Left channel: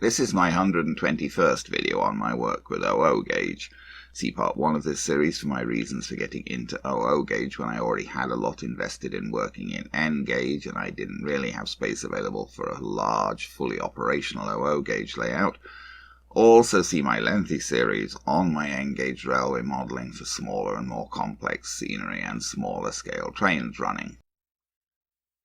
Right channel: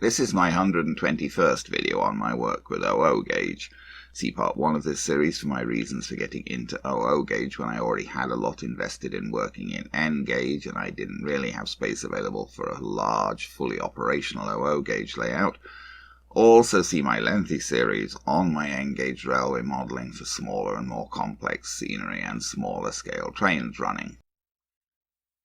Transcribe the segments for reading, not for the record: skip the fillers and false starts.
This is my 121st video on my work with OO gauge. See part 1 of this series for my reasons for getting into OO gauge when I already had a lot invested in working in N gauge and I didn't really have space available for a large, fully operational OO gauge layout. Also see my lengthy series on my N gauge railway modelling for smaller and more complex scenery and smaller scale trains running.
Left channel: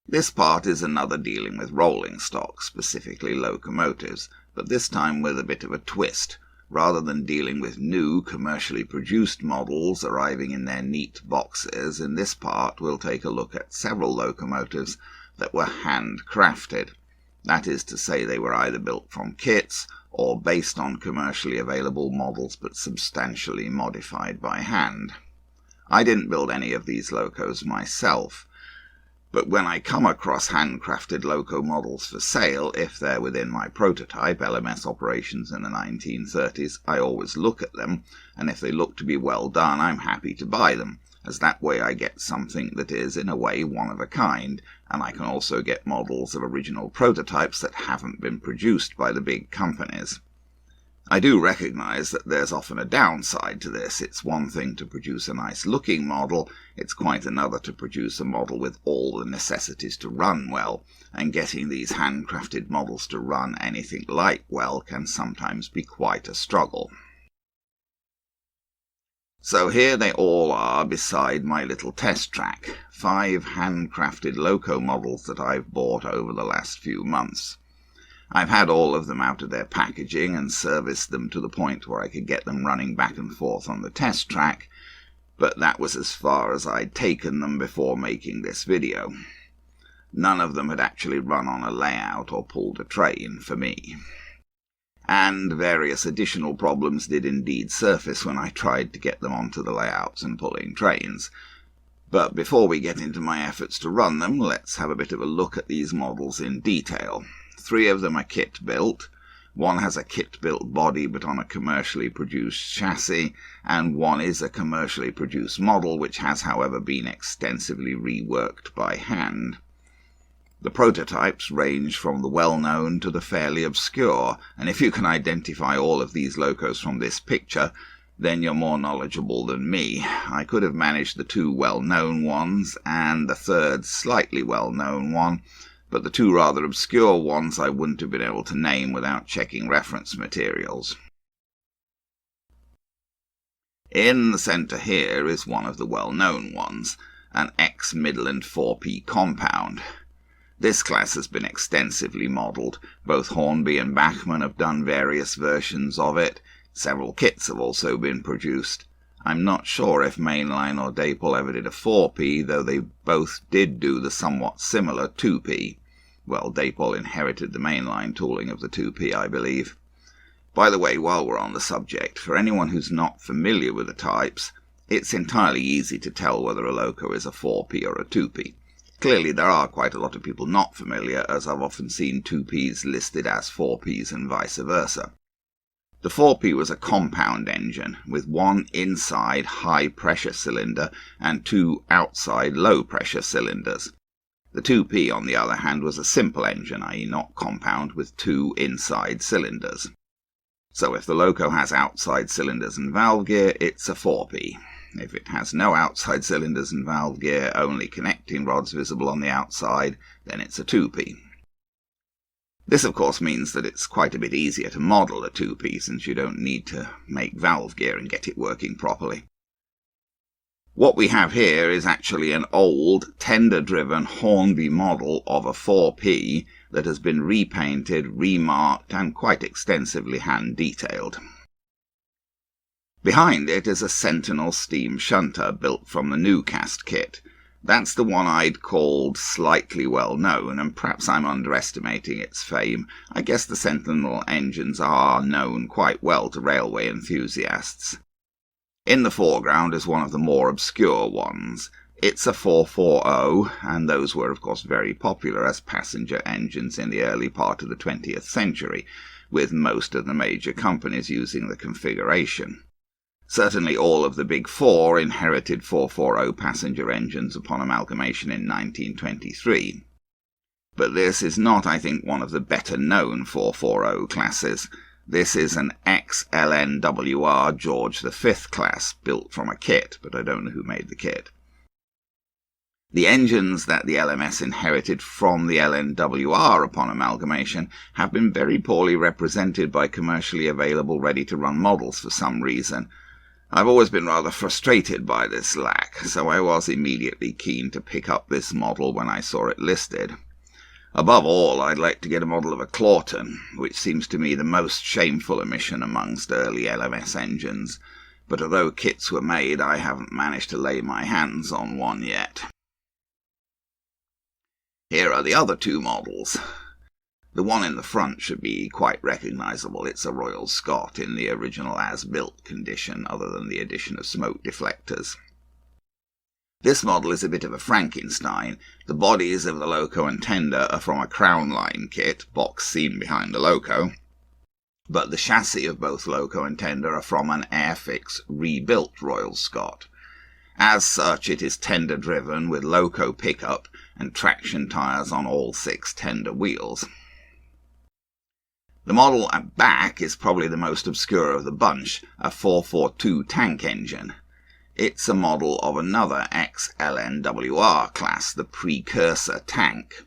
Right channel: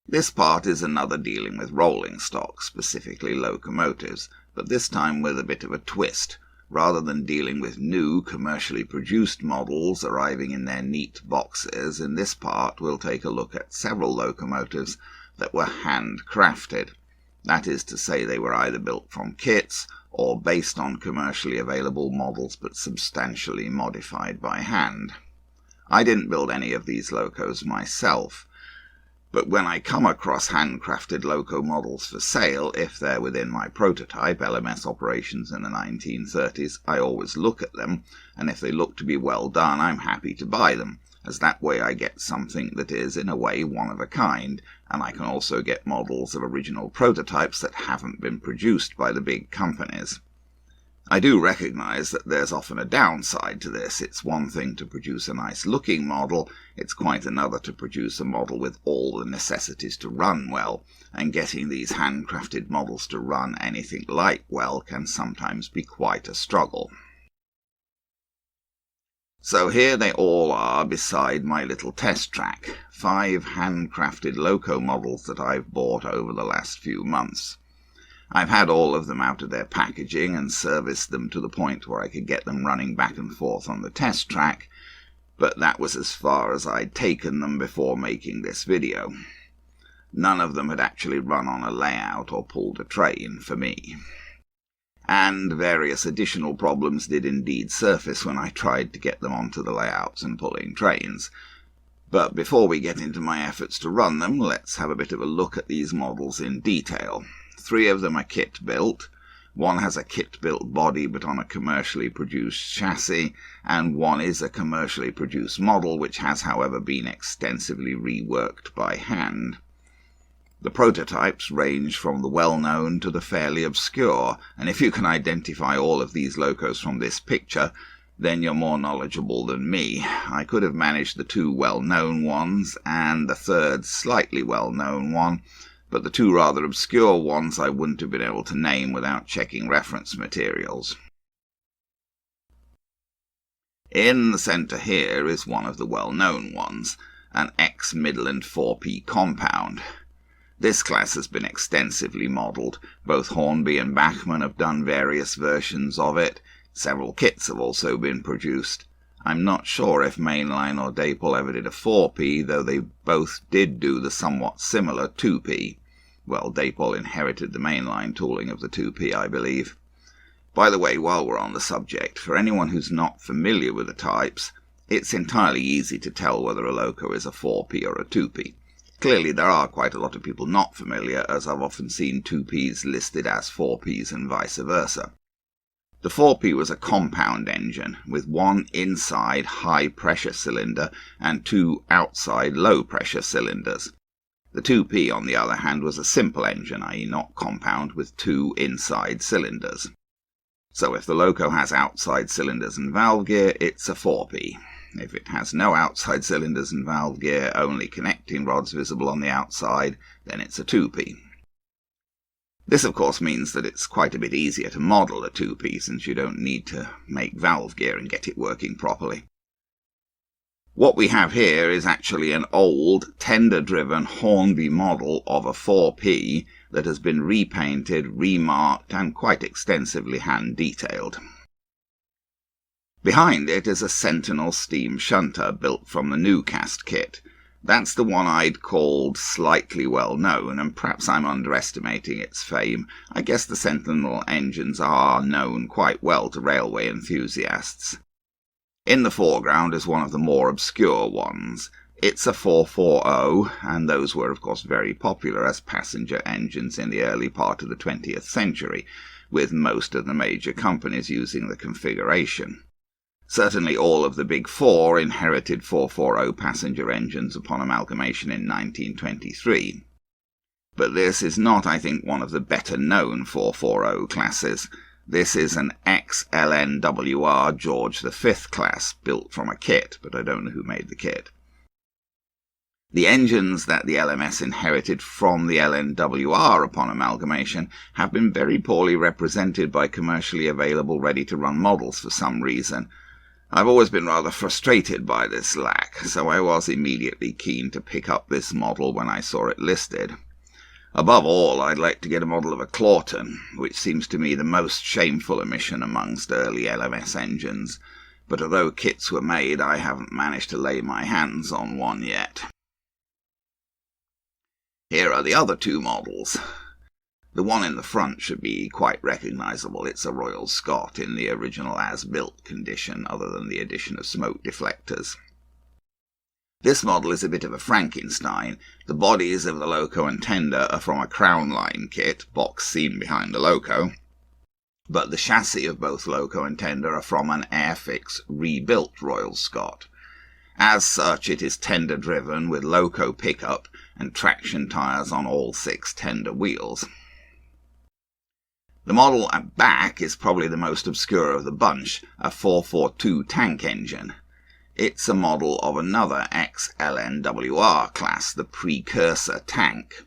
This part is another dealing with rolling stock, specifically locomotives, but this time with a bit of a twist. Rather than dealing with new, commercially produced models arriving in their neat boxes, in this part we'll take a look at several locomotives that were handcrafted. That is to say, they were either built from kits or based on commercially available models but substantially modified by hand. I didn't build any of these locos myself, but when I come across handcrafted loco models for sale, if they're within my prototype LMS operations in the 1930s, I always look at them, and if they look to be well done, I'm happy to buy them, as that way I get something that is, in a way, one of a kind, and I can also get models of original prototypes that haven't been produced by the big companies. I do recognise that there's often a downside to this. It's one thing to produce a nice-looking model, it's quite another to produce a model with all the necessities to run well, and getting these handcrafted models to run anything like well can sometimes be quite a struggle. So here they all are beside my little test track, 5 handcrafted loco models that I've bought over the last few months. I've had all of them out of their packaging and serviced them to the point where I could get them running back and forth on the test track, but that was as far as I'd taken them before making this video. None of them had actually run on a layout or pulled a train for me. And various additional problems did indeed surface when I tried to get them onto the layouts and pulling trains. But before we get into my efforts to run them, let's have a bit of a look at these models in detail. 3 of them are kit-built, 1 has a kit-built body but on a commercially produced chassis, and 1 is a commercially produced model which has however been extensively reworked by hand. The prototypes range from the well-known to the fairly obscure, and if you can identify all of these locos from this picture, then you're more knowledgeable than me. I could have managed the 2 well-known ones and the 3rd slightly well-known one, but the 2 rather obscure ones I wouldn't have been able to name without checking reference materials. In the centre here is one of the well-known ones, an ex-Midland 4P compound. This class has been extensively modelled. Both Hornby and Bachmann have done various versions of it. Several kits have also been produced. I'm not sure if Mainline or Dapol ever did a 4P, though they both did do the somewhat similar 2P. Well, Dapol inherited the Mainline tooling of the 2P, I believe. By the way, while we're on the subject, for anyone who's not familiar with the types, it's entirely easy to tell whether a loco is a 4P or a 2P. Clearly there are quite a lot of people not familiar, as I've often seen 2Ps listed as 4Ps and vice versa. The 4P was a compound engine, with 1 inside high-pressure cylinder and 2 outside low-pressure cylinders. The 2P, on the other hand, was a simple engine, i.e. not compound, with 2 inside cylinders. So if the loco has outside cylinders and valve gear, it's a 4P. If it has no outside cylinders and valve gear, only connecting rods visible on the outside, then it's a 2P. This of course means that it's quite a bit easier to model a 2P since you don't need to make valve gear and get it working properly. What we have here is actually an old, tender-driven Hornby model of a 4P that has been repainted, remarked and quite extensively hand-detailed. Behind it is a Sentinel steam shunter built from the new cast kit. That's the one I'd called slightly well-known, and perhaps I'm underestimating its fame. I guess the Sentinel Engines are known quite well to railway enthusiasts. In the foreground is one of the more obscure ones. It's a 440, and those were of course very popular as passenger engines in the early part of the 20th century, with most of the major companies using the configuration. Certainly all of the Big Four inherited 440 passenger engines upon amalgamation in 1923. But this is not, I think, one of the better-known 440 classes. This is an ex-LNWR George V class, built from a kit, but I don't know who made the kit. The engines that the LMS inherited from the LNWR upon amalgamation have been very poorly represented by commercially available ready-to-run models for some reason. I've always been rather frustrated by this lack, so I was immediately keen to pick up this model when I saw it listed. Above all, I'd like to get a model of a Clawton, which seems to me the most shameful omission amongst early LMS engines, but although kits were made, I haven't managed to lay my hands on one yet. Here are the other two models. The one in the front should be quite recognisable. It's a Royal Scot in the original as-built condition, other than the addition of smoke deflectors. This model is a bit of a Frankenstein. The bodies of the loco and tender are from a Crown Line kit, box seen behind the loco, but the chassis of both loco and tender are from an Airfix rebuilt Royal Scot. As such, it is tender-driven with loco pickup and traction tyres on all 6 tender wheels. The model at back is probably the most obscure of the bunch, a 442 tank engine. It's a model of another ex-LNWR class, the Precursor Tank.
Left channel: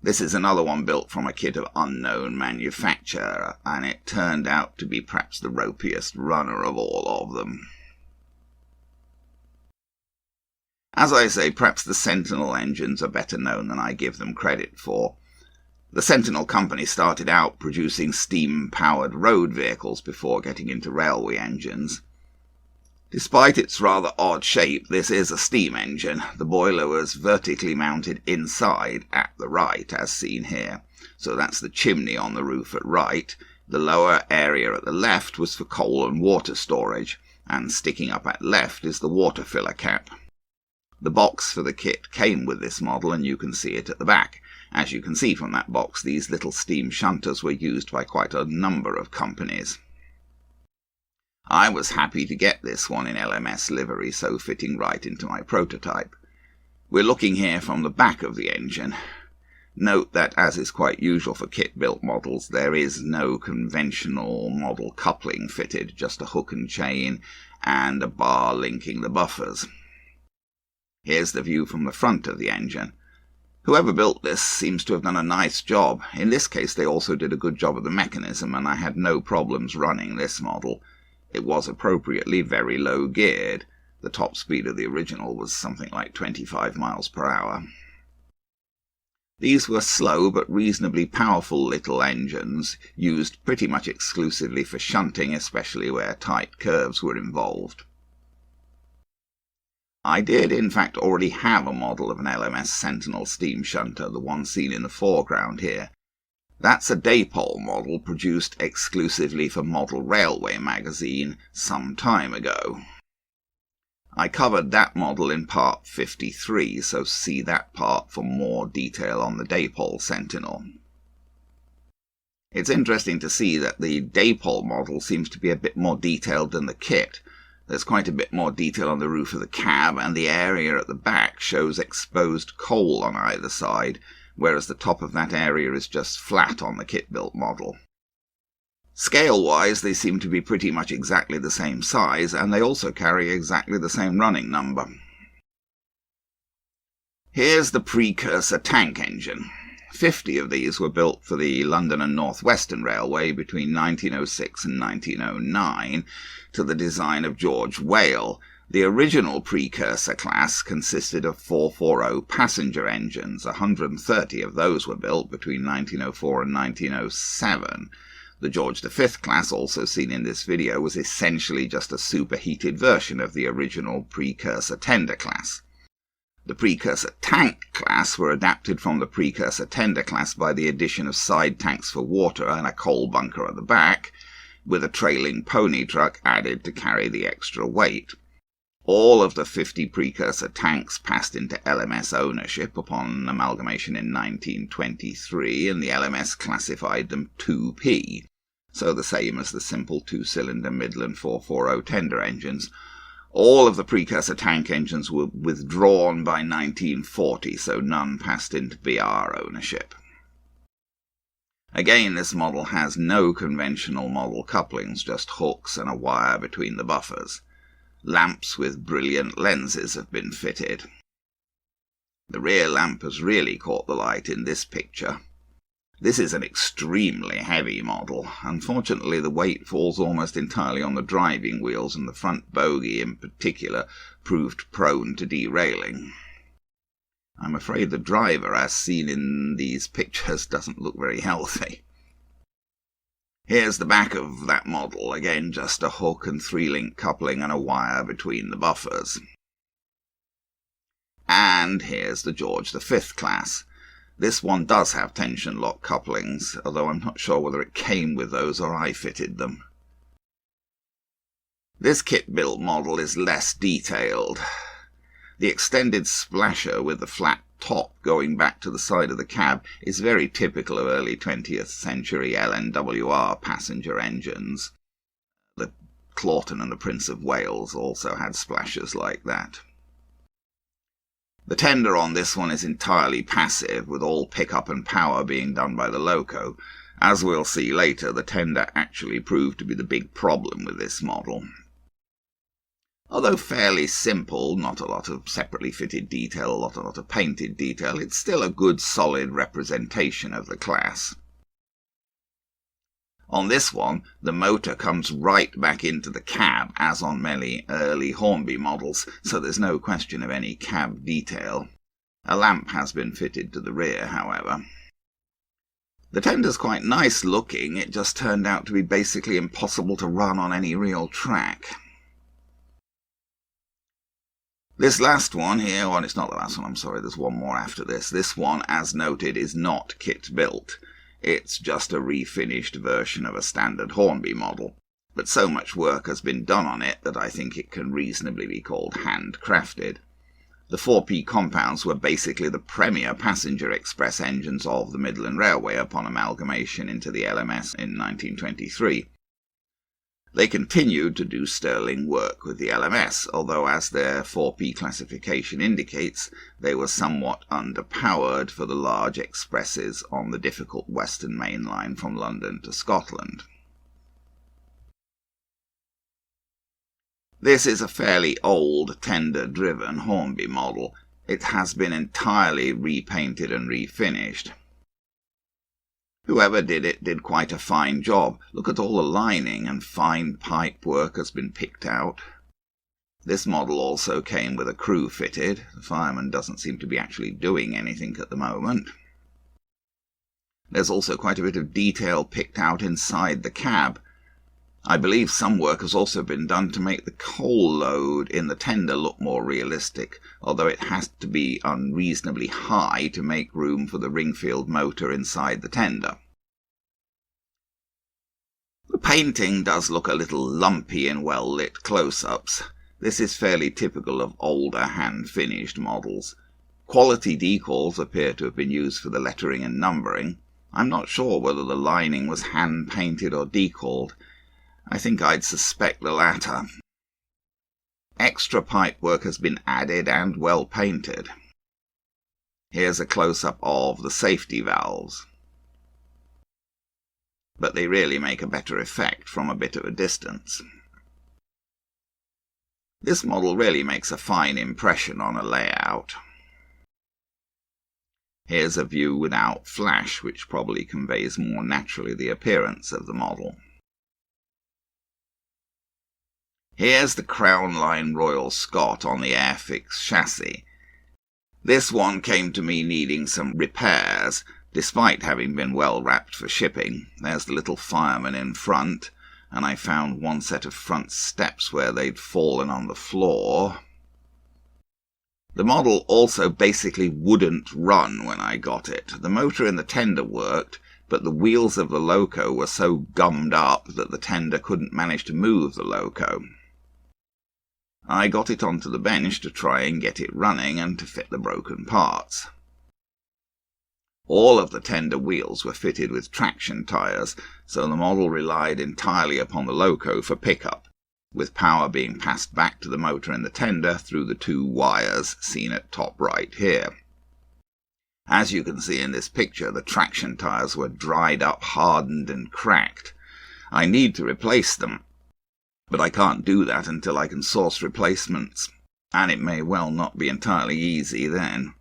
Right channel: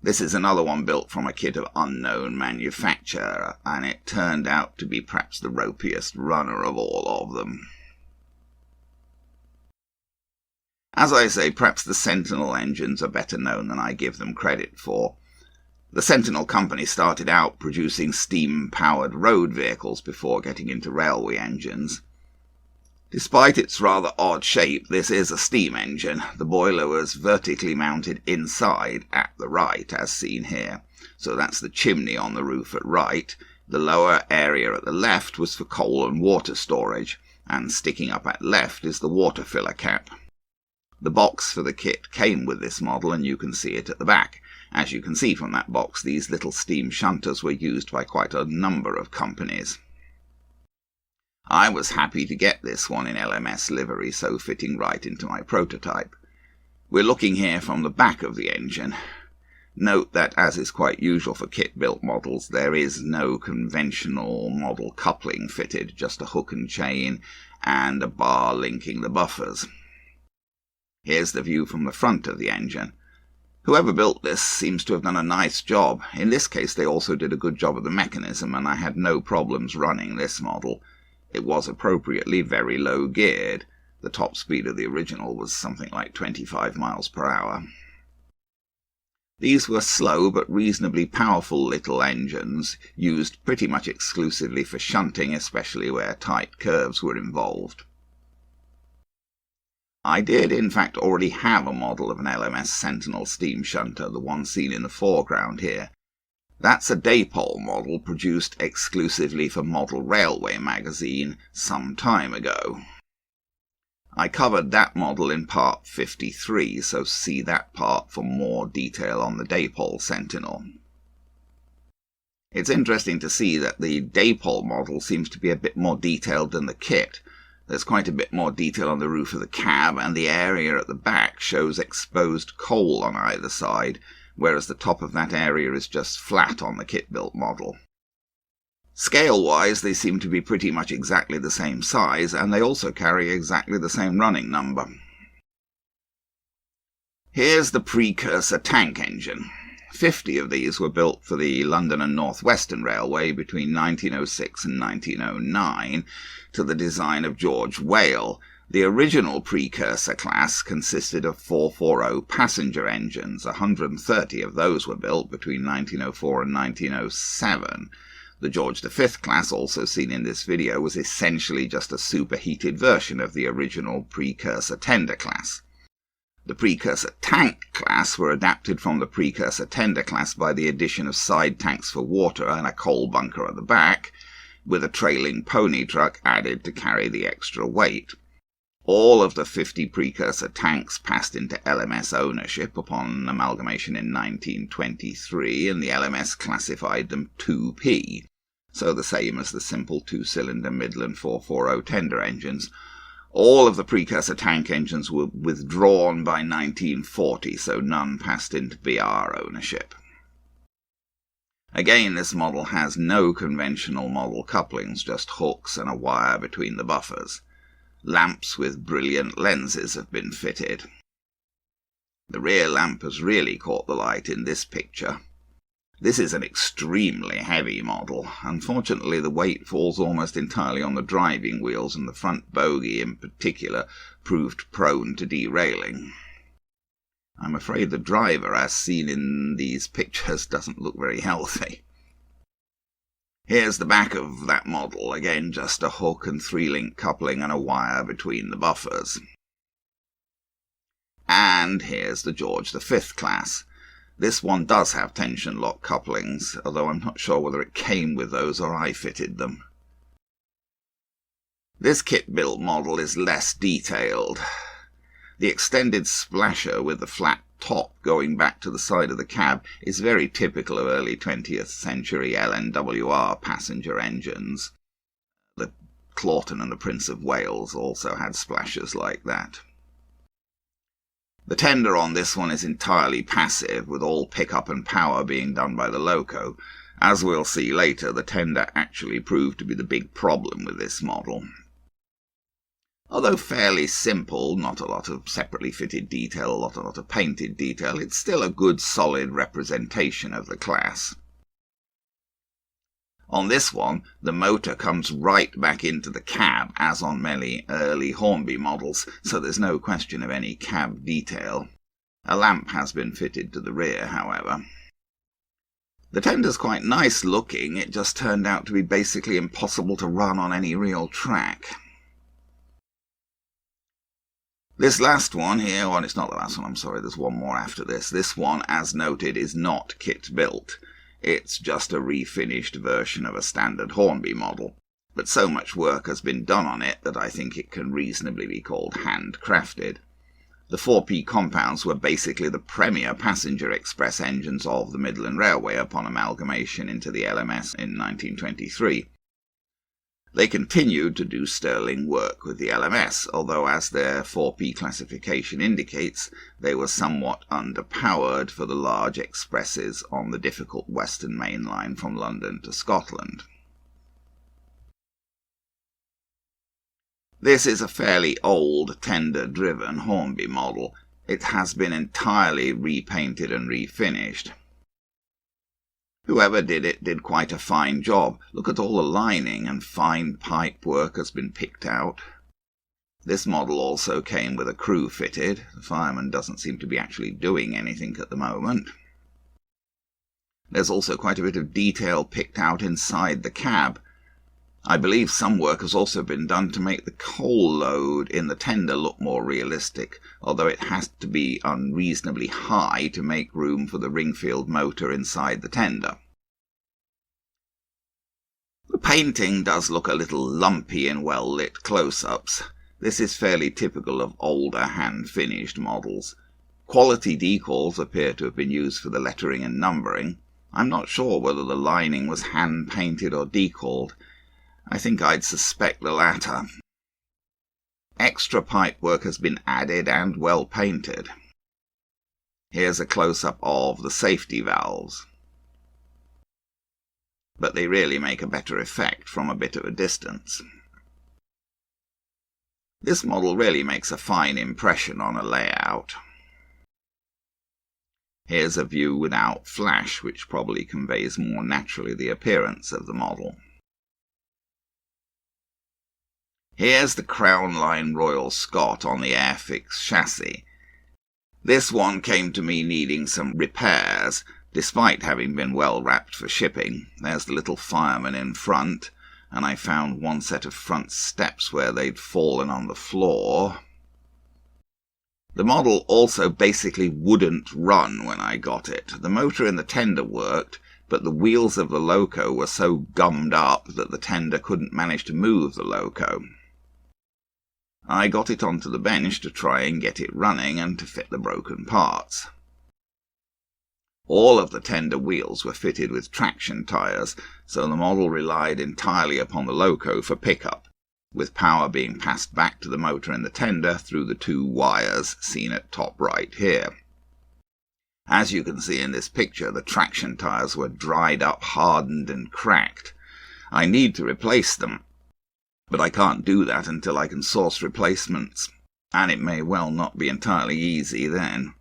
This is another one built from a kit of unknown manufacturer, and it turned out to be perhaps the ropiest runner of all of them. As I say, perhaps the Sentinel Engines are better known than I give them credit for. The Sentinel company started out producing steam-powered road vehicles before getting into railway engines. Despite its rather odd shape, this is a steam engine. The boiler was vertically mounted inside at the right, as seen here. So that's the chimney on the roof at right. The lower area at the left was for coal and water storage, and sticking up at left is the water filler cap. The box for the kit came with this model, and you can see it at the back. As you can see from that box, these little steam shunters were used by quite a number of companies. I was happy to get this one in LMS livery, so fitting right into my prototype. We're looking here from the back of the engine. Note that, as is quite usual for kit-built models, there is no conventional model coupling fitted, just a hook and chain and a bar linking the buffers. Here's the view from the front of the engine. Whoever built this seems to have done a nice job. In this case they also did a good job of the mechanism, and I had no problems running this model. It was appropriately very low geared. The top speed of the original was something like 25 miles per hour. These were slow but reasonably powerful little engines, used pretty much exclusively for shunting, especially where tight curves were involved. I did, in fact, already have a model of an LMS Sentinel steam shunter, the one seen in the foreground here. That's a Daypole model produced exclusively for Model Railway magazine some time ago. I covered that model in part 53, so see that part for more detail on the Daypole Sentinel. It's interesting to see that the Daypole model seems to be a bit more detailed than the kit. There's quite a bit more detail on the roof of the cab, and the area at the back shows exposed coal on either side, whereas the top of that area is just flat on the kit-built model. Scale-wise, they seem to be pretty much exactly the same size, and they also carry exactly the same running number. Here's the Precursor Tank engine. 50 of these were built for the London and North Western Railway between 1906 and 1909 to the design of George Whale. The original Precursor class consisted of 440 passenger engines. 130 of those were built between 1904 and 1907. The George V class, also seen in this video, was essentially just a superheated version of the original Precursor Tender class. The Precursor Tank class were adapted from the Precursor Tender class by the addition of side tanks for water and a coal bunker at the back, with a trailing pony truck added to carry the extra weight. All of the 50 Precursor tanks passed into LMS ownership upon amalgamation in 1923, and the LMS classified them 2P, so the same as the simple 2-cylinder Midland 440 tender engines, All of the Precursor Tank engines were withdrawn by 1940, so none passed into BR ownership. Again, this model has no conventional model couplings, just hooks and a wire between the buffers. Lamps with brilliant lenses have been fitted. The rear lamp has really caught the light in this picture. This is an extremely heavy model. Unfortunately, the weight falls almost entirely on the driving wheels, and the front bogie in particular proved prone to derailing. I'm afraid the driver, as seen in these pictures, doesn't look very healthy. Here's the back of that model, again just a hook and 3-link coupling and a wire between the buffers. And here's the George V class. This one does have tension lock couplings, although I'm not sure whether it came with those or I fitted them. This kit-built model is less detailed. The extended splasher with the flat top going back to the side of the cab is very typical of early 20th century LNWR passenger engines. The Clawton and the Prince of Wales also had splashers like that. The tender on this one is entirely passive, with all pickup and power being done by the loco. As we'll see later, the tender actually proved to be the big problem with this model. Although fairly simple, not a lot of separately fitted detail, a lot of painted detail, it's still a good solid representation of the class. On this one, the motor comes right back into the cab, as on many early Hornby models, so there's no question of any cab detail. A lamp has been fitted to the rear, however. The tender's quite nice looking, it just turned out to be basically impossible to run on any real track. This last one here, well, it's not the last one, I'm sorry, there's one more after this. This one, as noted, is not kit-built. It's just a refinished version of a standard Hornby model, but so much work has been done on it that I think it can reasonably be called handcrafted. The 4P compounds were basically the premier passenger express engines of the Midland Railway upon amalgamation into the LMS in 1923. They continued to do sterling work with the LMS, although as their 4P classification indicates, they were somewhat underpowered for the large expresses on the difficult Western Main Line from London to Scotland. This is a fairly old, tender-driven Hornby model. It has been entirely repainted and refinished. Whoever did it did quite a fine job. Look at all the lining, and fine pipe work has been picked out. This model also came with a crew fitted. The fireman doesn't seem to be actually doing anything at the moment. There's also quite a bit of detail picked out inside the cab. I believe some work has also been done to make the coal load in the tender look more realistic, although it has to be unreasonably high to make room for the Ringfield motor inside the tender. The painting does look a little lumpy in well-lit close-ups. This is fairly typical of older hand-finished models. Quality decals appear to have been used for the lettering and numbering. I'm not sure whether the lining was hand-painted or decaled. I think I'd suspect the latter. Extra pipework has been added and well painted. Here's a close-up of the safety valves, but they really make a better effect from a bit of a distance. This model really makes a fine impression on a layout. Here's a view without flash, which probably conveys more naturally the appearance of the model. Here's the Crown Line Royal Scot on the Airfix chassis. This one came to me needing some repairs, despite having been well wrapped for shipping. There's the little fireman in front, and I found one set of front steps where they'd fallen on the floor. The model also basically wouldn't run when I got it. The motor in the tender worked, but the wheels of the loco were so gummed up that the tender couldn't manage to move the loco. I got it onto the bench to try and get it running and to fit the broken parts. All of the tender wheels were fitted with traction tyres, so the model relied entirely upon the loco for pickup. with power being passed back to the motor in the tender through the two wires seen at top right here. As you can see in this picture, the traction tyres were dried up, hardened and cracked. I need to replace them, but I can't do that until I can source replacements, and it may well not be entirely easy then.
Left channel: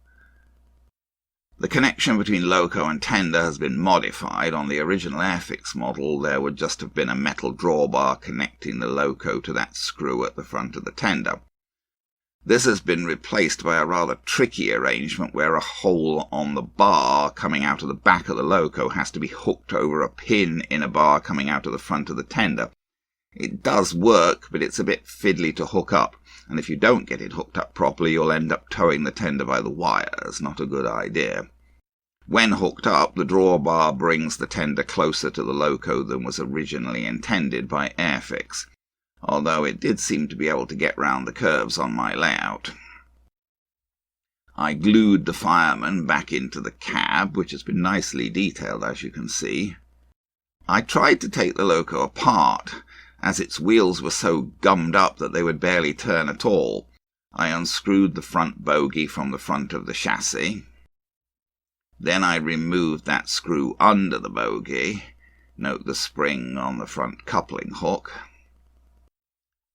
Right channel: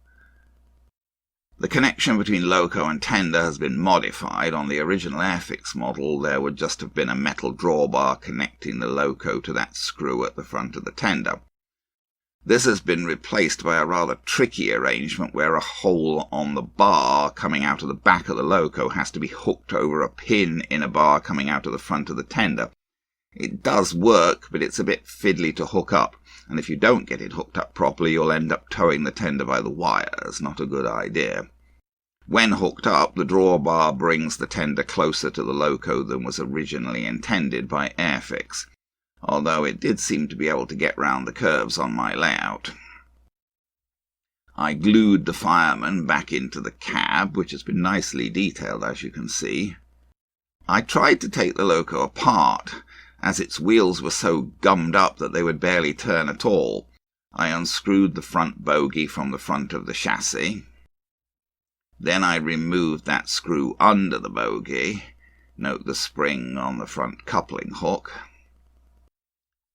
The connection between loco and tender has been modified. On the original Airfix model, there would just have been a metal drawbar connecting the loco to that screw at the front of the tender. This has been replaced by a rather tricky arrangement where a hole on the bar coming out of the back of the loco has to be hooked over a pin in a bar coming out of the front of the tender. It does work, but it's a bit fiddly to hook up, and if you don't get it hooked up properly, you'll end up towing the tender by the wires. Not a good idea. When hooked up, the drawbar brings the tender closer to the loco than was originally intended by Airfix, although it did seem to be able to get round the curves on my layout. I glued the fireman back into the cab, which has been nicely detailed, as you can see. I tried to take the loco apart, as its wheels were so gummed up that they would barely turn at all. I unscrewed the front bogie from the front of the chassis. Then I removed that screw under the bogie. Note the spring on the front coupling hook.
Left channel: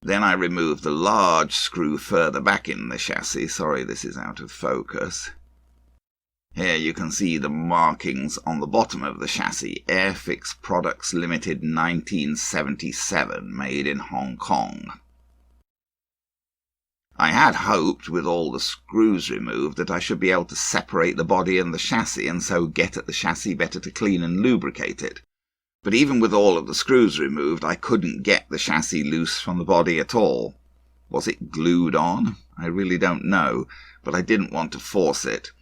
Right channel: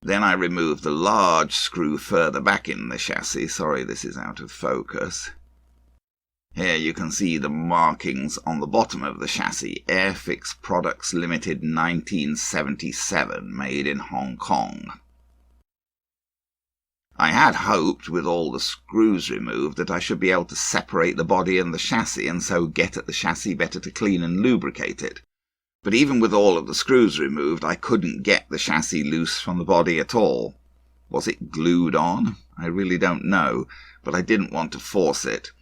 Then I removed the large screw further back in the chassis. Sorry, this is out of focus. Here you can see the markings on the bottom of the chassis. Airfix Products Limited 1977, made in Hong Kong. I had hoped, with all the screws removed, that I should be able to separate the body and the chassis and so get at the chassis better to clean and lubricate it. But even with all of the screws removed, I couldn't get the chassis loose from the body at all. Was it glued on? I really don't know, but I didn't want to force it.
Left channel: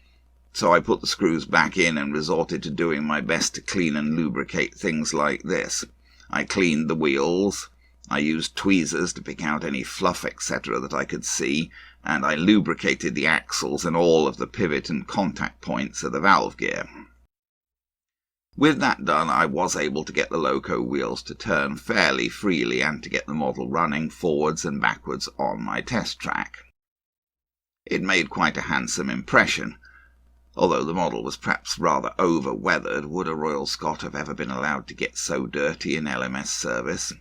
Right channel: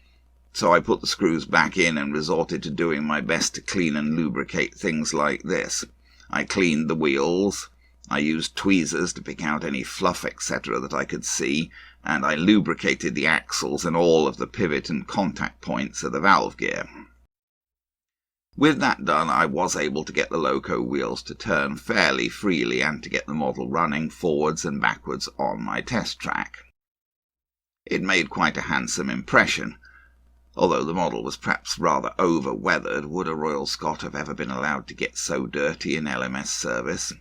So I put the screws back in and resorted to doing my best to clean and lubricate things like this. I cleaned the wheels, I used tweezers to pick out any fluff etc. that I could see, and I lubricated the axles and all of the pivot and contact points of the valve gear. With that done, I was able to get the loco wheels to turn fairly freely and to get the model running forwards and backwards on my test track. It made quite a handsome impression. Although the model was perhaps rather over-weathered, would a Royal Scot have ever been allowed to get so dirty in LMS service?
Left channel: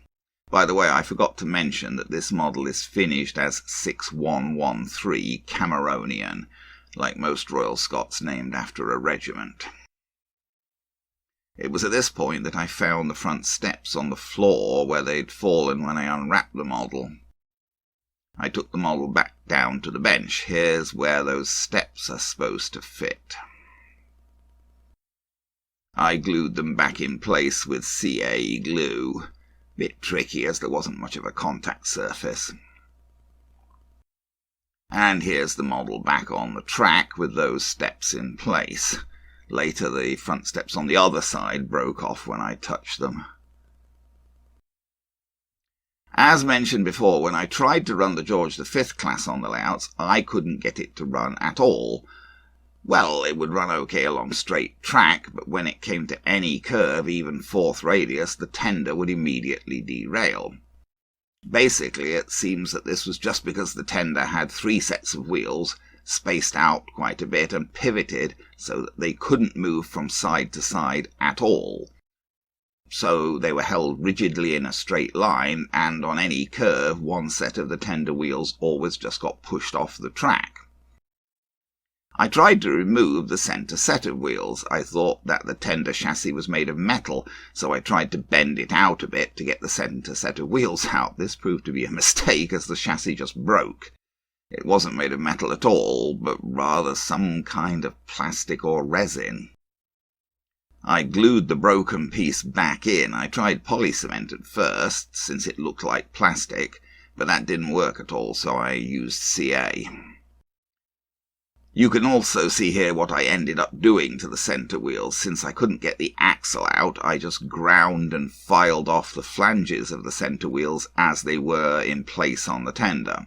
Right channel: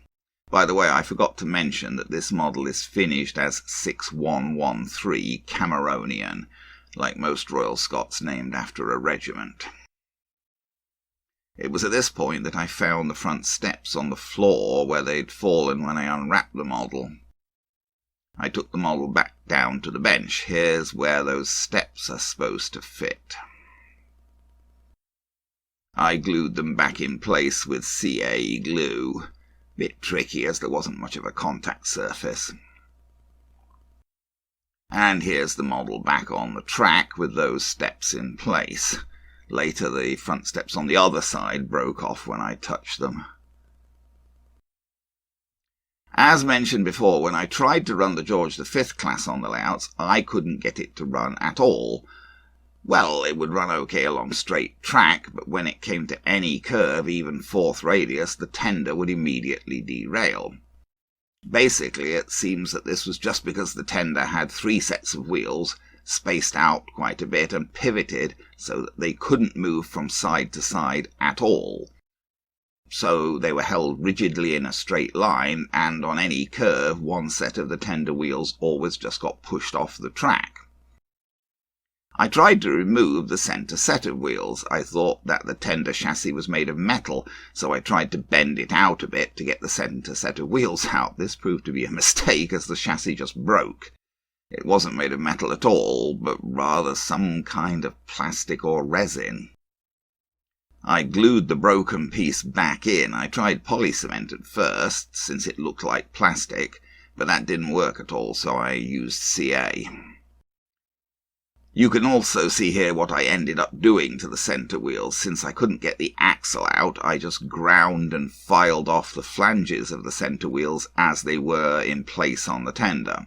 By the way, I forgot to mention that this model is finished as 6113 Cameronian, like most Royal Scots named after a regiment. It was at this point that I found the front steps on the floor where they'd fallen when I unwrapped the model. I took the model back down to the bench. Here's where those steps are supposed to fit. I glued them back in place with CA glue. Bit tricky as there wasn't much of a contact surface. And here's the model back on the track with those steps in place. Later the front steps on the other side broke off when I touched them. As mentioned before, when I tried to run the George V class on the layouts, I couldn't get it to run at all. Well, it would run okay along straight track, but when it came to any curve, even 4th radius, the tender would immediately derail. Basically, it seems that this was just because the tender had 3 sets of wheels, spaced out quite a bit and pivoted so that they couldn't move from side to side at all. So they were held rigidly in a straight line, and on any curve, one set of the tender wheels always just got pushed off the track. I tried to remove the centre set of wheels. I thought that the tender chassis was made of metal, so I tried to bend it out a bit to get the centre set of wheels out. This proved to be a mistake, as the chassis just broke. It wasn't made of metal at all, but rather some kind of plastic or resin. I glued the broken piece back in. I tried polycement at first, since it looked like plastic, but that didn't work at all, so I used CA. You can also see here what I ended up doing to the centre wheels. Since I couldn't get the axle out, I just ground and filed off the flanges of the centre wheels as they were in place on the tender.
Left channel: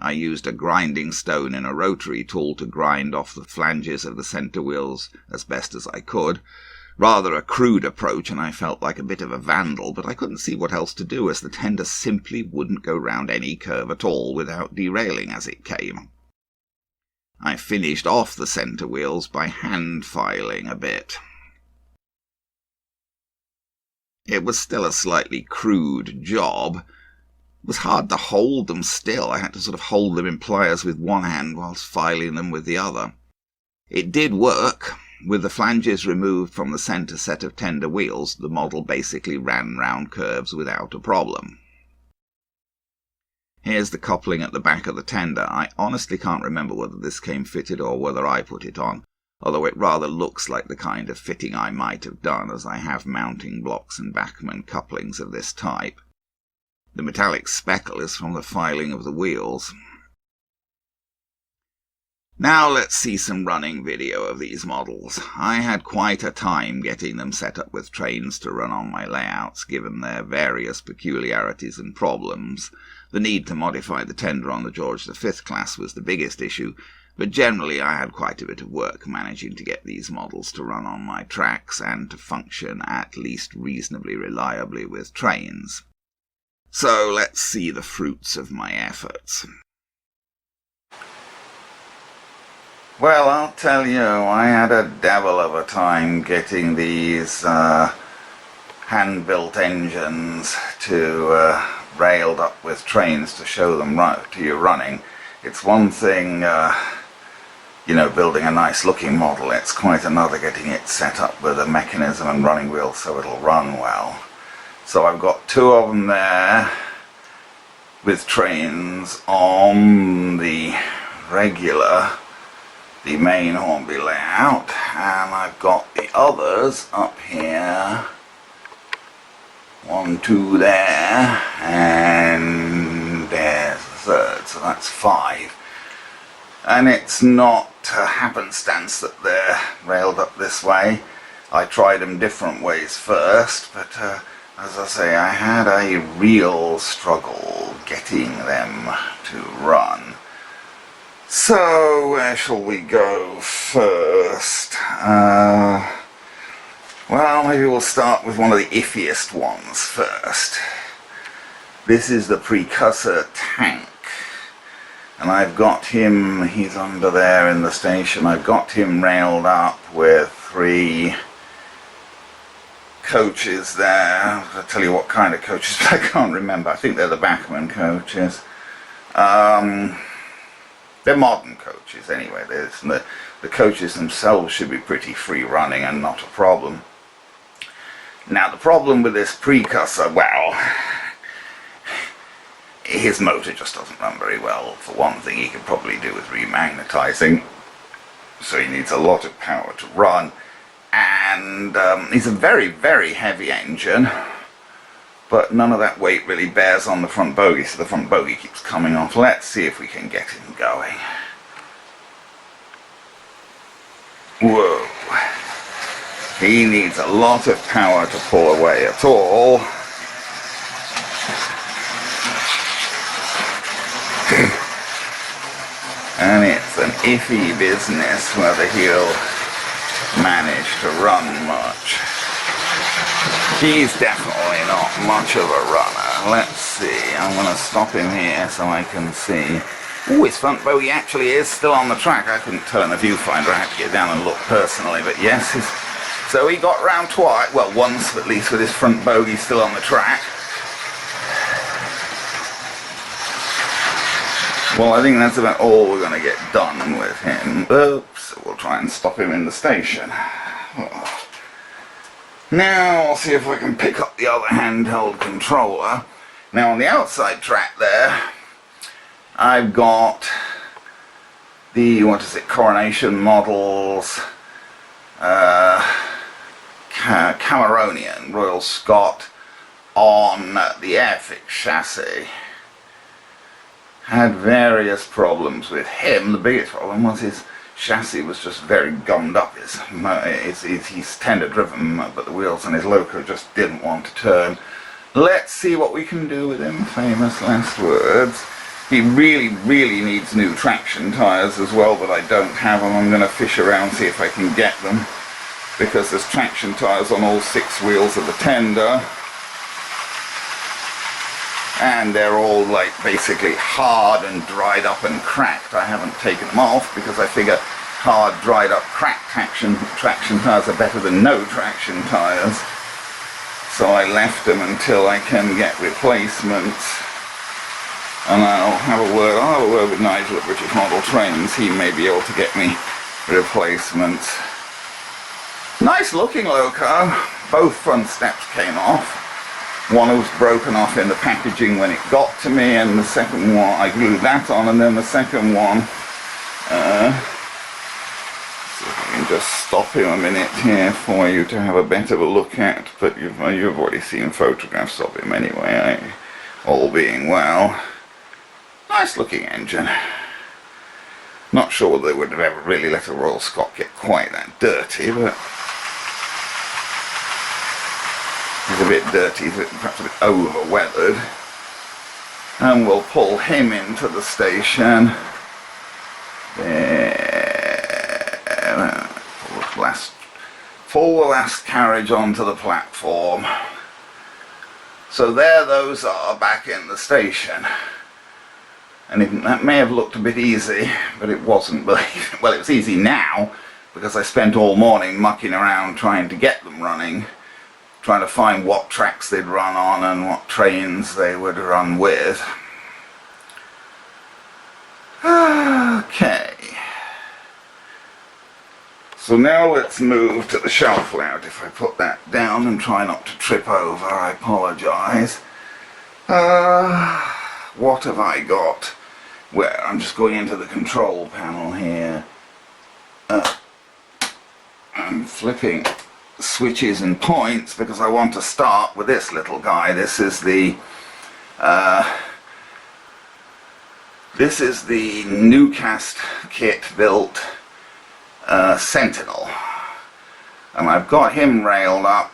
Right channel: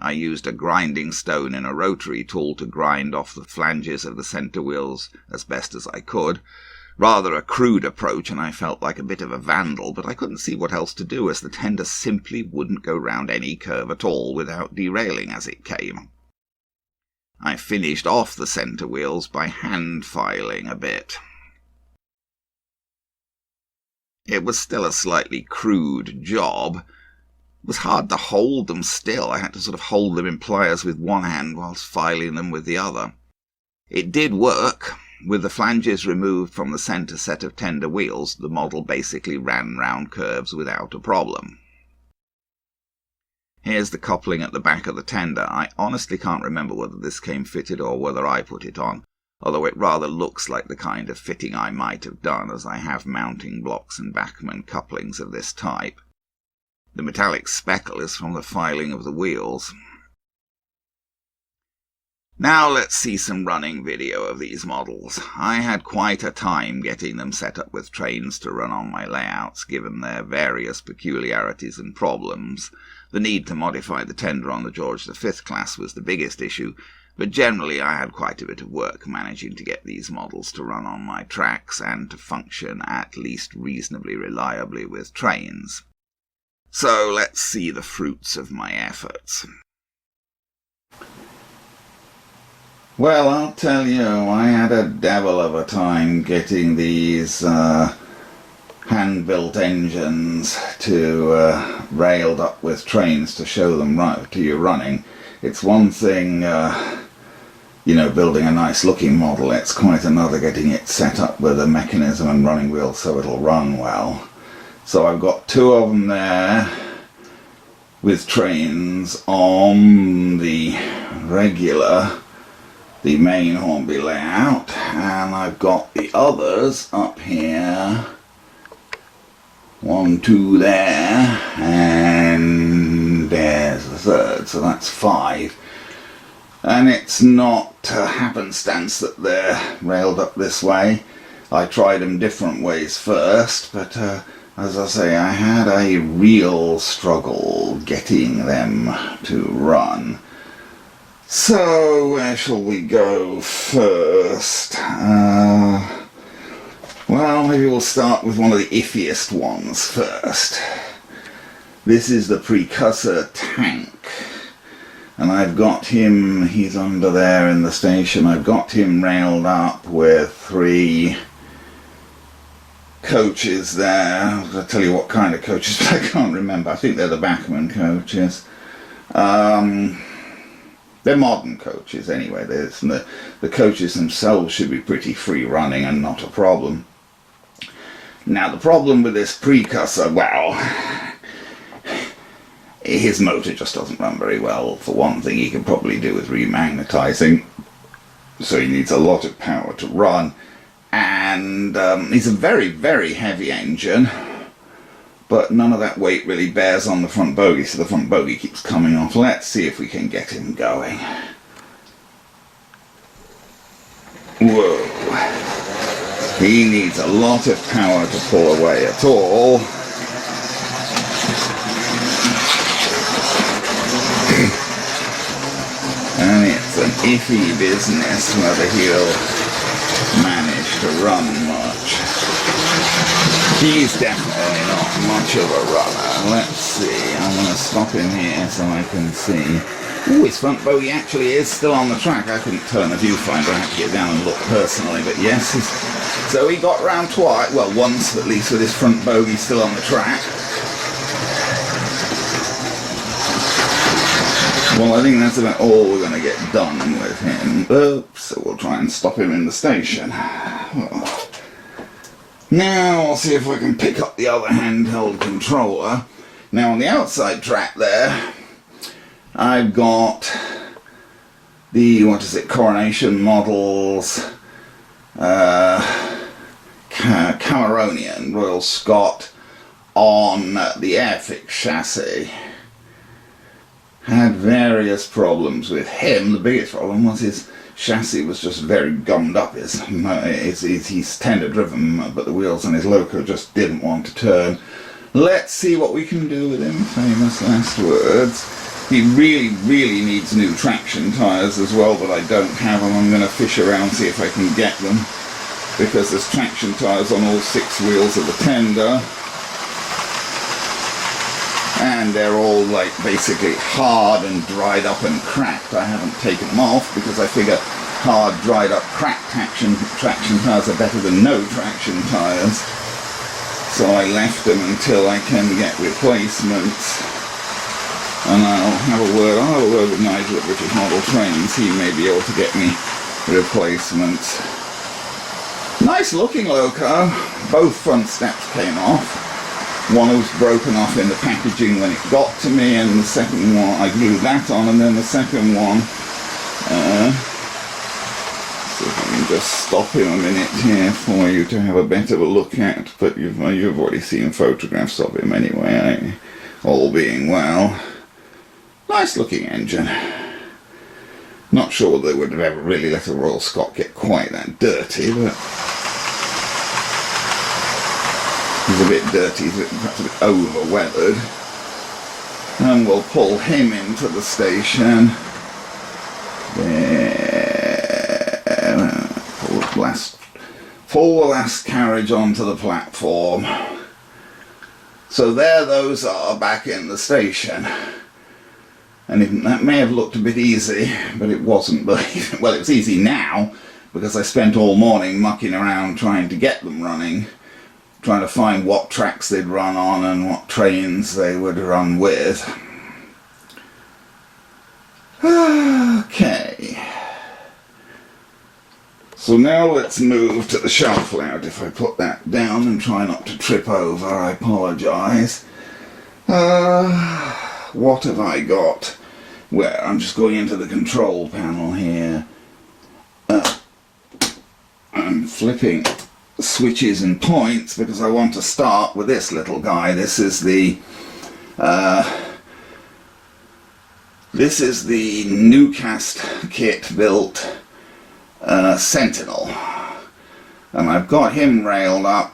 I used a grinding stone in a rotary tool to grind off the flanges of the centre wheels as best as I could, Rather a crude approach, and I felt like a bit of a vandal, but I couldn't see what else to do, as the tender simply wouldn't go round any curve at all without derailing as it came. I finished off the centre wheels by hand filing a bit. It was still a slightly crude job. It was hard to hold them still. I had to sort of hold them in pliers with one hand whilst filing them with the other. It did work. With the flanges removed from the centre set of tender wheels, the model basically ran round curves without a problem. Here's the coupling at the back of the tender. I honestly can't remember whether this came fitted or whether I put it on, although it rather looks like the kind of fitting I might have done, as I have mounting blocks and backman couplings of this type. The metallic speckle is from the filing of the wheels. Now let's see some running video of these models. I had quite a time getting them set up with trains to run on my layouts, given their various peculiarities and problems. The need to modify the tender on the George V class was the biggest issue, but generally I had quite a bit of work managing to get these models to run on my tracks and to function at least reasonably reliably with trains. So let's see the fruits of my efforts. Well, I'll tell you, I had a devil of a time getting these hand-built engines to railed up with trains to show them to you running. It's one thing, building a nice-looking model. It's quite another getting it set up with a mechanism and running wheels so it'll run well. So I've got two of them there with trains on the regular, the main Hornby layout, and I've got the others up here, 1, 2 there, and there's the third, so that's 5. And it's not happenstance that they're railed up this way. I tried them different ways first, but as I say, I had a real struggle getting them to run. So, where shall we go first? Well, maybe we'll start with one of the iffiest ones first. This is the Precursor Tank. And I've got him, he's under there in the station, I've got him railed up with 3 coaches there. I'll tell you what kind of coaches, but I can't remember. I think they're the backman coaches. They're modern coaches anyway. The coaches themselves should be pretty free running and not a problem. Now the problem with this Precursor, well, his motor just doesn't run very well. For one thing, he could probably do with remagnetizing, so he needs a lot of power to run. And he's a very, very heavy engine, but none of that weight really bears on the front bogie, so the front bogie keeps coming off. Let's see if we can get him going. Whoa. He needs a lot of power to pull away at all. And it's an iffy business whether he'll manage to run much. He's definitely not much of a runner. Let's see, I'm going to stop him here so I can see. Ooh, his front bogie actually is still on the track. I couldn't tell in the viewfinder, I had to get down and look personally, but yes, so he got round twice, well once at least, with his front bogie still on the track. Well, I think that's about all we're going to get done with him. So we'll try and stop him in the station. Now, we'll see if I can pick up the other handheld controller. Now, on the outside track there, I've got the, Coronation Models, Cameronian, Royal Scot, on the Airfix chassis. Had various problems with him. The biggest problem was his chassis was just very gummed up. He's tender driven, but the wheels on his Loco just didn't want to turn. Let's see what we can do with him. Famous last words. He really, really needs new traction tyres as well, but I don't have them. I'm going to fish around, see if I can get them. because there's traction tyres on all 6 wheels of the tender, and they're all like basically hard and dried up and cracked. I haven't taken them off because I figure hard, dried up, cracked traction tyres are better than no traction tyres. So I left them until I can get replacements. And I'll have a word with Nigel at British Model Trains. He may be able to get me replacements. Nice looking loco. Both front steps came off. One was broken off in the packaging when it got to me, and the second one, I glued that on, and then the second one, so if I can just stop him a minute here for you to have a better look at, but you've already seen photographs of him anyway, all being well. Nice looking engine. Not sure whether they would have ever really let a Royal Scot get quite that dirty, but he's a bit dirty, perhaps a bit over-weathered. And we'll pull him into the station. There. Pull the last carriage onto the platform. So there those are back in the station. And that may have looked a bit easy, but it wasn't. Well, it was easy now, because I spent all morning mucking around trying to get them running, trying to find what tracks they'd run on and what trains they would run with. Okay. So now let's move to the shelf layout. If I put that down and try not to trip over, I apologise. What have I got? Where? I'm just going into the control panel here. I'm flipping switches and points because I want to start with this little guy. This is the Newcast kit built Sentinel, and I've got him railed up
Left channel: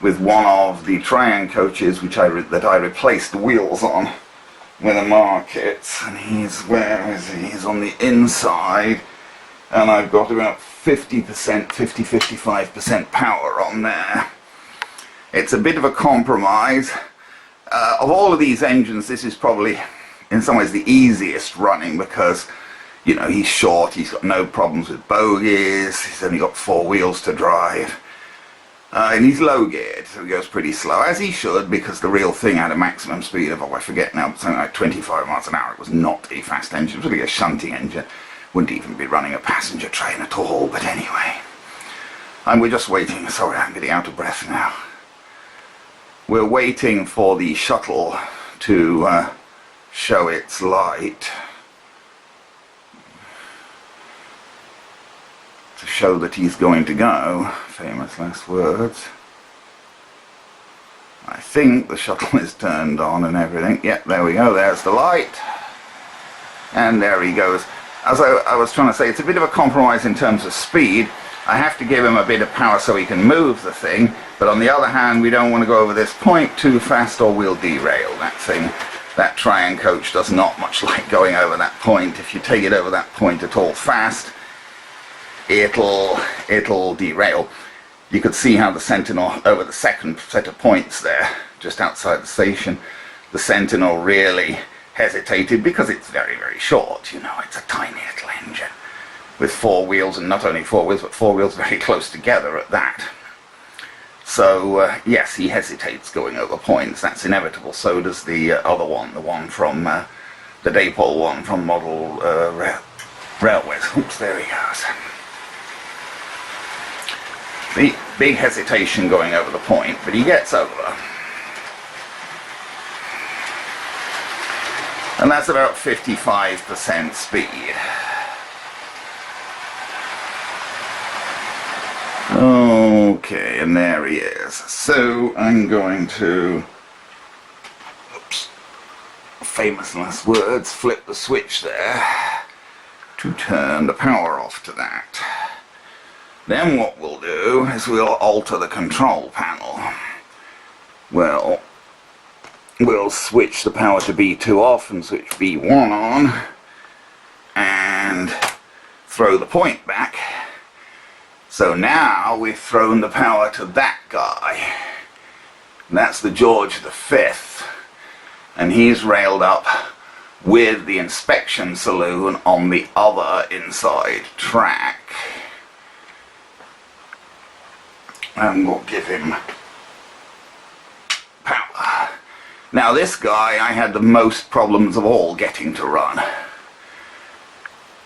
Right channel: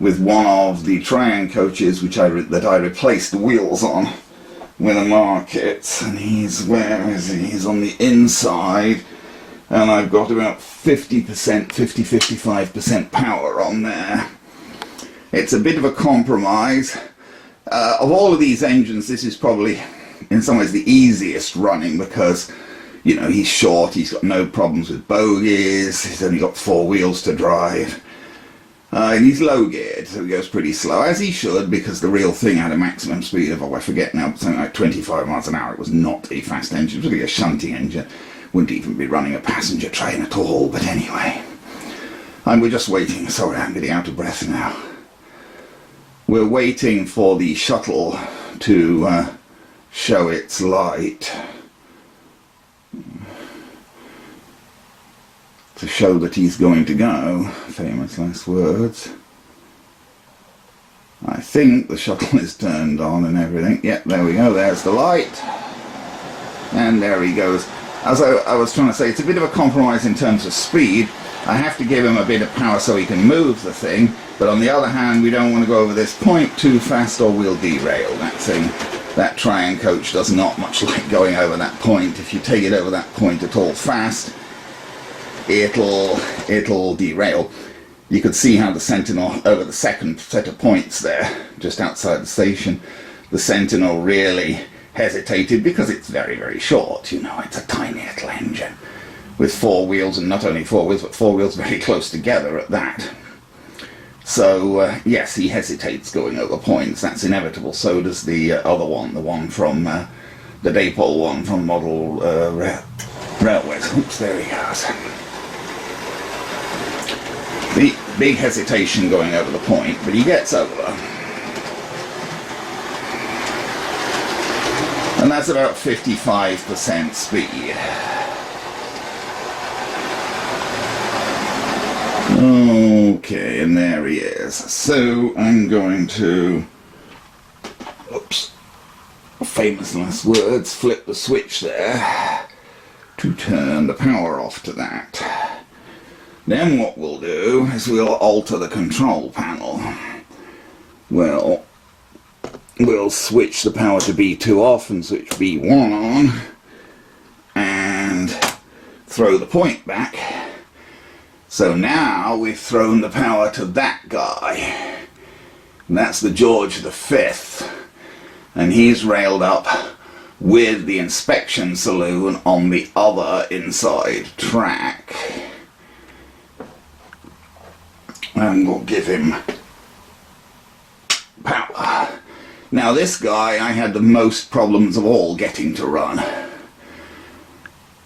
with one of the Trian coaches that I replaced the wheels on with the markets, and where is he? He's on the inside, and I've got about 50%, 55% power on there. It's a bit of a compromise. Of all of these engines, this is probably in some ways the easiest running because, you know, he's short, he's got no problems with bogies, he's only got 4 wheels to drive. And he's low geared, so he goes pretty slow, as he should, because the real thing had a maximum speed of, I forget now, something like 25 miles an hour. It was not a fast engine, it was really a shunting engine. Wouldn't even be running a passenger train at all, but anyway. And we're just waiting, sorry, I'm getting out of breath now. We're waiting for the shuttle to show its light, to show that he's going to go. Famous last words. I think the shuttle is turned on and everything. Yep, there we go, there's the light. And there he goes. As I was trying to say, it's a bit of a compromise in terms of speed. I have to give him a bit of power so he can move the thing, but on the other hand, we don't want to go over this point too fast or we'll derail. That Trian coach does not much like going over that point. If you take it over that point at all fast, it'll derail. You could see how the Sentinel, over the second set of points there, just outside the station, the Sentinel really hesitated because it's very, very short. You know, it's a tiny little engine with 4 wheels, and not only 4 wheels, but 4 wheels very close together at that. So, yes, he hesitates going over points. That's inevitable. So does the other one, the one from, the Daypole one from Model Railways. Oops, there he goes. The big hesitation going over the point, but he gets over. And that's about 55% speed. Okay, and there he is. So I'm going to, oops, famous last words, flip the switch there to turn the power off to that. Then what we'll do is we'll alter the control panel. Well, we'll switch the power to B2 off and switch B1 on and throw the point back. So now we've thrown the power to that guy. And that's the George V. And he's railed up with the inspection saloon on the other inside track. And we'll give him power. Now this guy I had the most problems of all getting to run.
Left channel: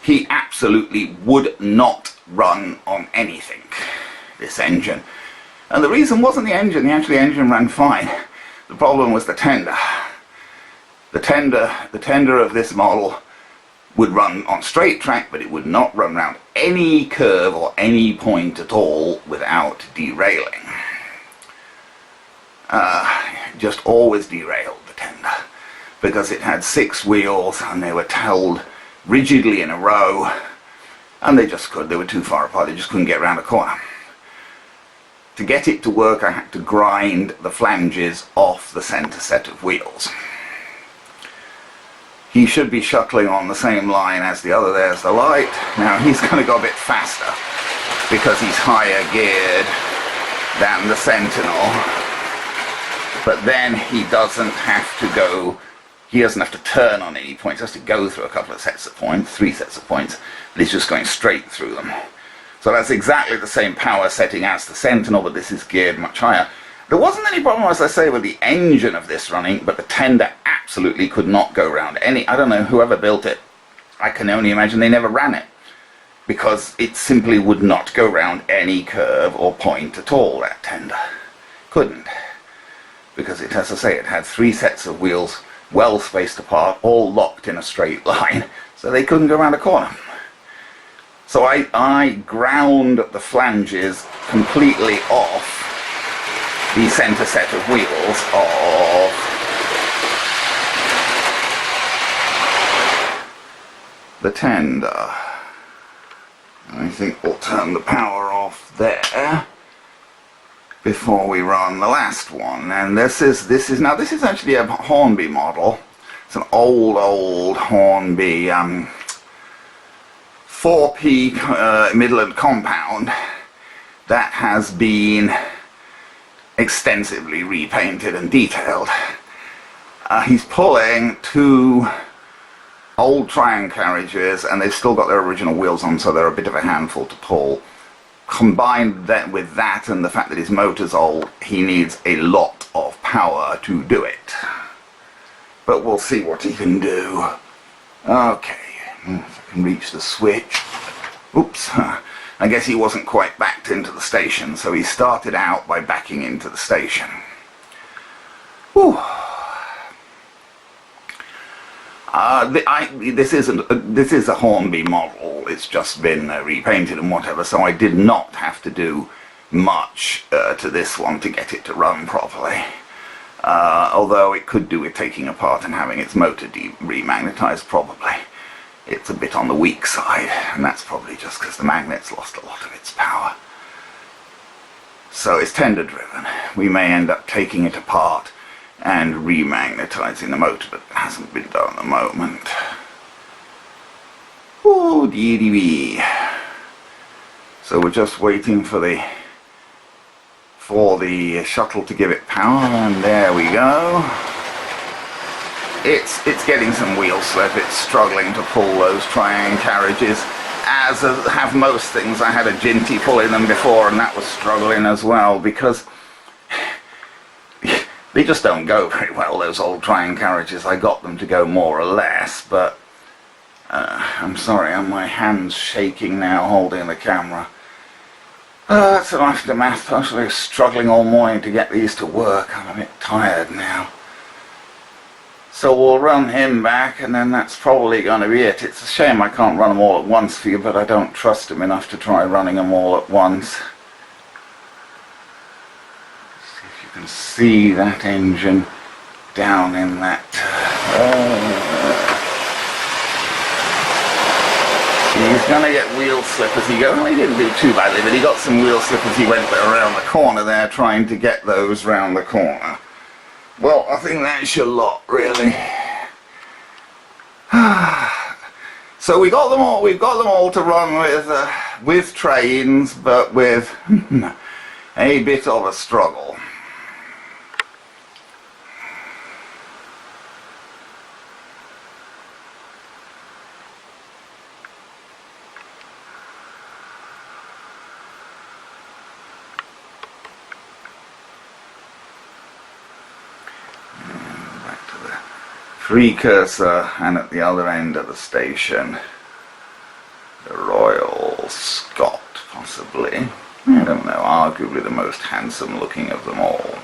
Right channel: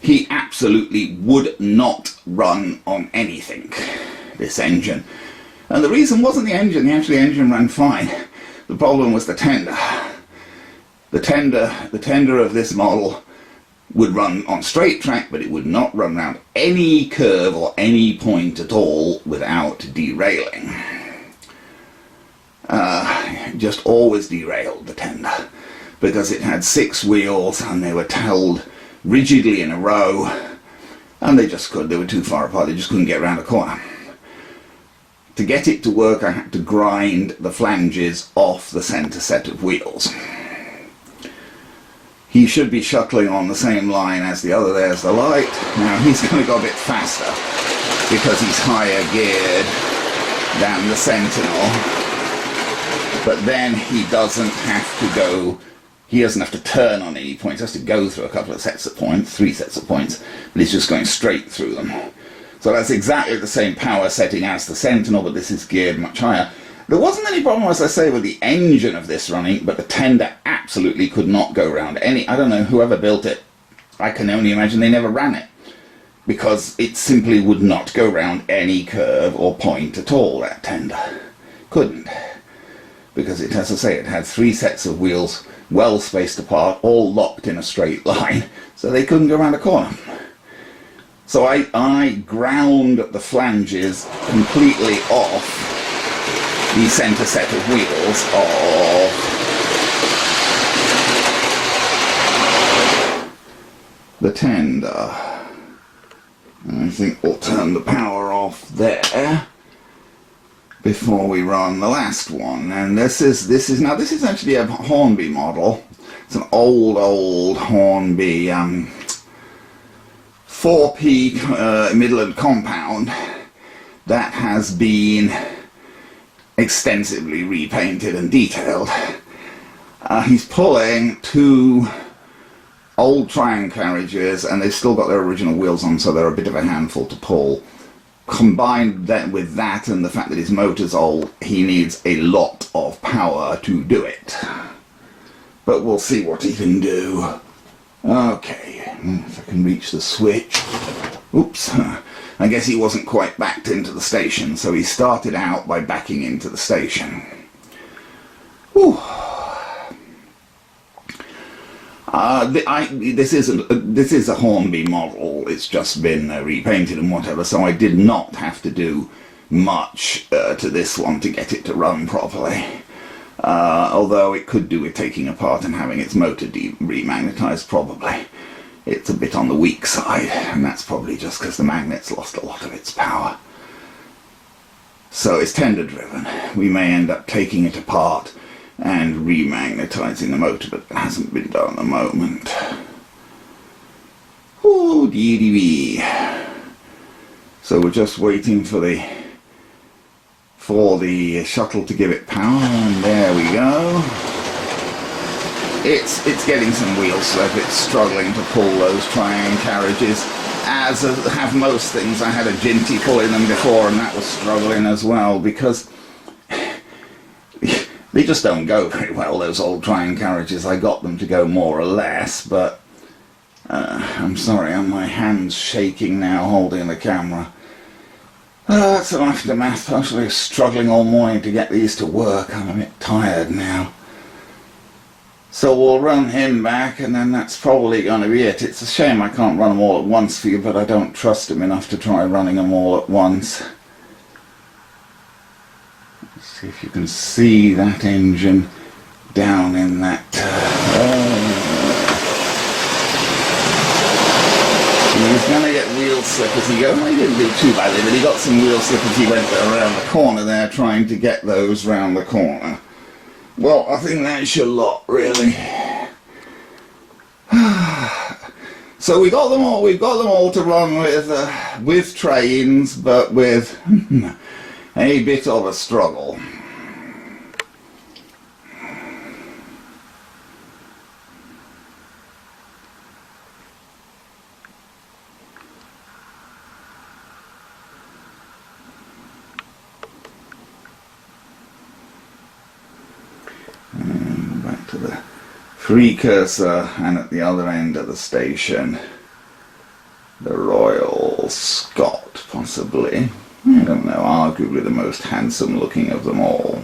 He absolutely would not run on anything, this engine. And the reason wasn't the engine, the engine ran fine. The problem was the tender. The tender of this model would run on straight track, but it would not run around any curve or any point at all without derailing. Just always derailed, the tender, because it had 6 wheels and they were held rigidly in a row, and they were too far apart, they just couldn't get around a corner. To get it to work, I had to grind the flanges off the center set of wheels. He should be shuttling on the same line as the other. There's the light. Now he's going to go a bit faster because he's higher geared than the Sentinel. But then he doesn't have to go, he doesn't have to turn on any points. He has to go through a couple of sets of points, 3 sets of points, but he's just going straight through them. So that's exactly the same power setting as the Sentinel, but this is geared much higher. There wasn't any problem, as I say, with the engine of this running, but the tender absolutely could not go round any, I don't know, whoever built it, I can only imagine they never ran it, because it simply would not go round any curve or point at all, that tender. Couldn't. Because it, as I say, it had 3 sets of wheels well spaced apart, all locked in a straight line, so they couldn't go round a corner. So I ground the flanges completely off the center set of wheels of the tender. And I think we'll turn the power off there before we run the last one. And this is actually a Hornby model. It's an old Hornby 4P Midland compound that has been extensively repainted and detailed. He's pulling 2 old Triumph carriages, and they've still got their original wheels on, so they're a bit of a handful to pull. Combined then with that and the fact that his motor's old, he needs a lot of power to do it. But we'll see what he can do. Okay, if I can reach the switch. Oops. I guess he wasn't quite backed into the station, so he started out by backing into the station. Whew. This is a Hornby model. It's just been repainted and whatever, so I did not have to do much to this one to get it to run properly. Although it could do with taking apart and having its motor remagnetized, probably. It's a bit on the weak side, and that's probably just because the magnet's lost a lot of its power. So it's tender driven. We may end up taking it apart and remagnetizing the motor, but it hasn't been done at the moment. Oh, DDB. So we're just waiting for the shuttle to give it power, and there we go. It's getting some wheel slip. It's struggling to pull those Triumph carriages, as have most things. I had a Ginty pulling them before, and that was struggling as well, because they just don't go very well, those old Triumph carriages. I got them to go more or less, but I'm sorry, my hand's shaking now holding the camera. Oh, that's an aftermath. I was struggling all morning to get these to work. I'm a bit tired now. So we'll run him back, and then that's probably going to be it. It's a shame I can't run them all at once for you, but I don't trust him enough to try running them all at once. Let's see if you can see that engine down in that He's going to get wheel slip as he goes. Well, he didn't do too badly, but he got some wheel slip as he went around the corner there, trying to get those round the corner. Well, I think that's your lot, really. So we've got them all to run with trains, but with a bit of a struggle. Back to the Precursor, and at the other end of the station, the Royal Scot, possibly. I don't know, arguably the most handsome looking of them all.